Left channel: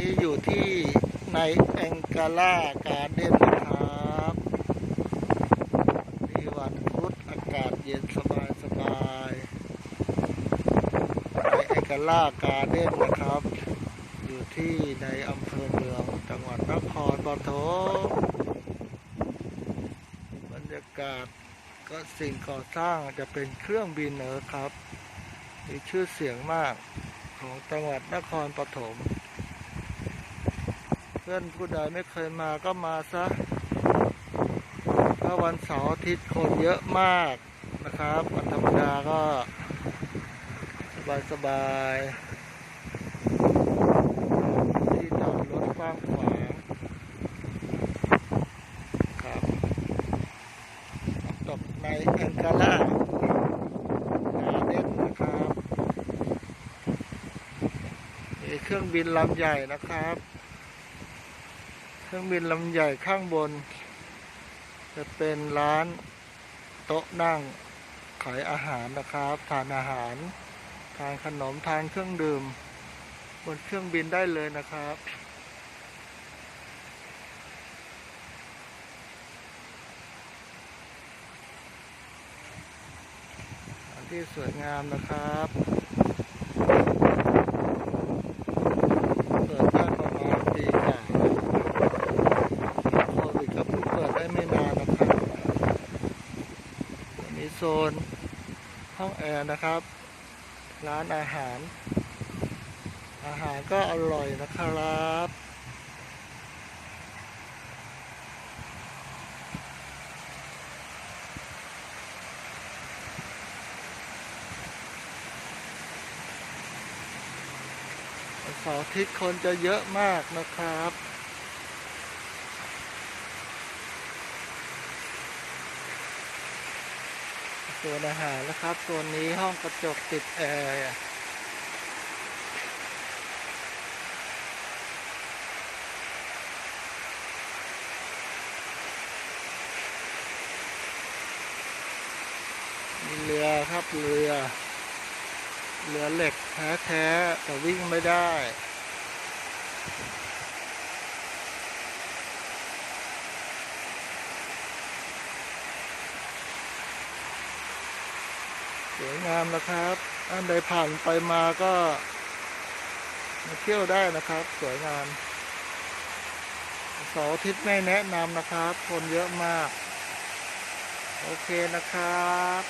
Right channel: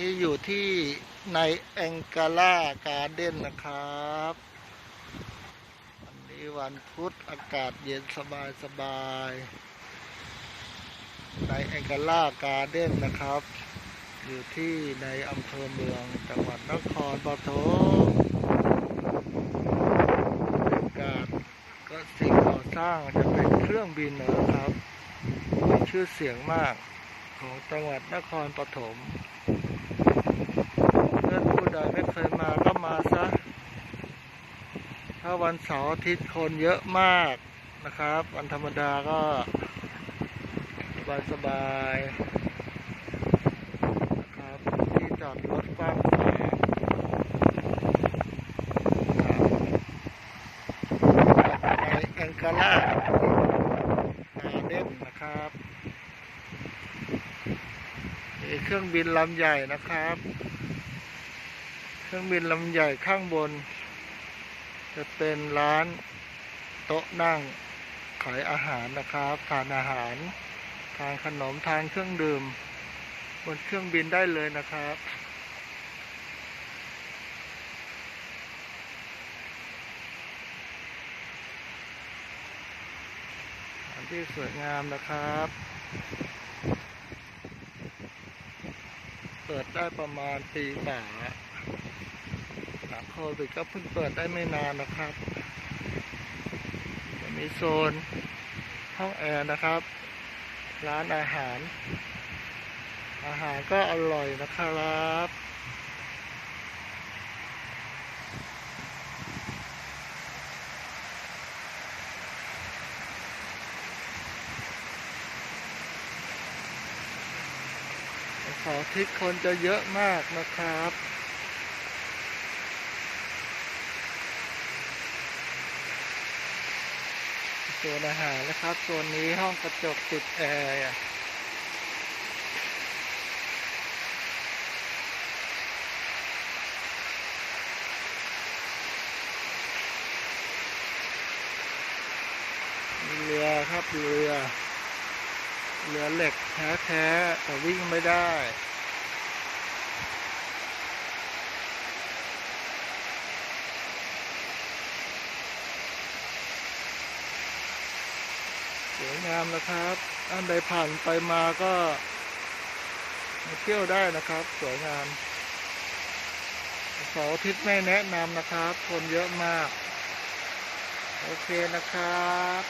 นี้อยู่ที่ในแองกาล่าการ์เด้นนะครับวันนี้วันพุธอากาศเย็นสบายสบายในแองกาล่าการ์เด้นนะครับ อยู่ที่ในอำเภอเมืองจังหวัดนครปฐมบรรยากาศก็สิ่งก่อสร้างจะเป็นเครื่องบินนะครับมีชื่อเสียงมากของจังหวัดนครปฐม ดไม่เคยมาก็มาซะถ้าวันเสาร์อาทิตย์คนเยอะมากนะครับ วันธรรมดาก็สบายสบายๆที่จอดรถกว้างขวางครับกับในแองกาล่านาเน็ตนะครับมีเครื่องบินลำใหญ่นะครับ ครื่องบินลำใหญ่ข้างบน จะเป็นร้านโต๊ะนั่งขายอาหารนะครับทานอาหาร ทานขนมทานเครื่องดื่ม บนเครื่องบินได้เลยนะครับที่สวยงามนะครับ เปิดได้ประมาณปีกว่าโควิด ก็เพิ่งเปิดได้ไม่นานนะครับจะมีโซนห้องแอร์นะครับ ร้านอาหาร อาหารก็อร่อยนะครับวันเสาร์อาทิตย์คนจะเยอะมากนะครับ ส่วนอาหารนะครับ ส่วนนี้ห้องกระจกติดแอร์มีเรือครับเรือ เรือเหล็กแท้ๆแต่วิ่งไม่ได้ วยงามนะครับอันใดผ่านไปมาก็มาเที่ยวได้นะครับ สวยงามเสาร์อาทิตย์ไม่แนะนำนะครับ คนเยอะมาก โอเคนะครับ